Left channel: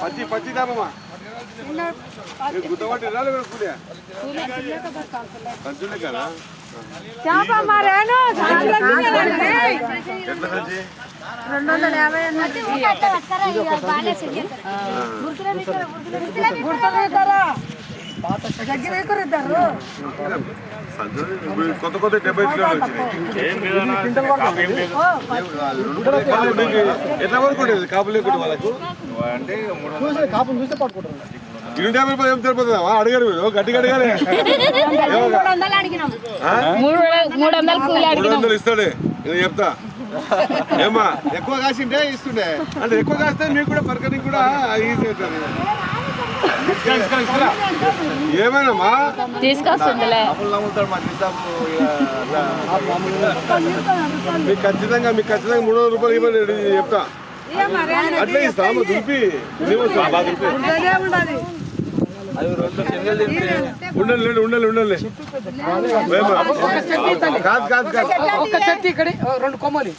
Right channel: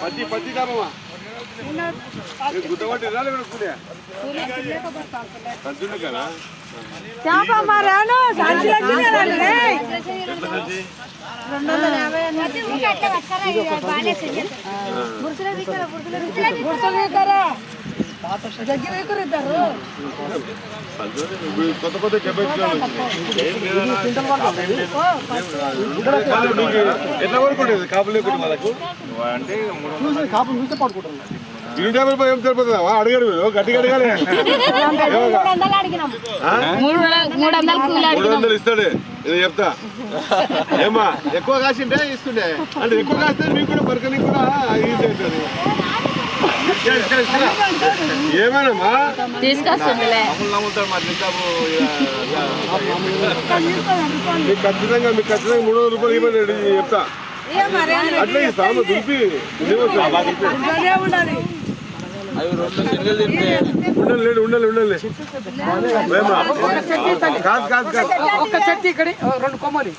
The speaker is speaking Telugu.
పచ్చి పచ్చి కామమ్మా గుద్దబట్టి రాలి కూలియా సంచులే కదా ఎట్లా సంచి 250 కొత్త కొత్త 70 ఎట్లా పడుకుంటుంది కాపులు లేకుండా వాళ్ళకు అంటే కాపులు చూస్తే పడుకుంటారు 250 రూపాయలు ఏం సరిపోతుందా అడిగారు మీరు గట్టి అడగాలి 300 ఇస్తాడు నేను చెప్తా ఏమా ఎక్కువ కాసింటే ఇస్తుండే అంటే ఎక్కువ కాస్తే మీకు కూడా పరకనికి కూడా ఈజీ అవుతుంది ఏమైనామా తీసుకొస్తుండే మీకు ఖచ్చితంగా 300 రూపాయలు ఇవ్వండి చెప్తా అట్లా ఇస్తాము దులిపి ఉండాలి కాదు కాదు కాదు ఒక చెట్టు ఇక్కడ 2 కొమ్మలి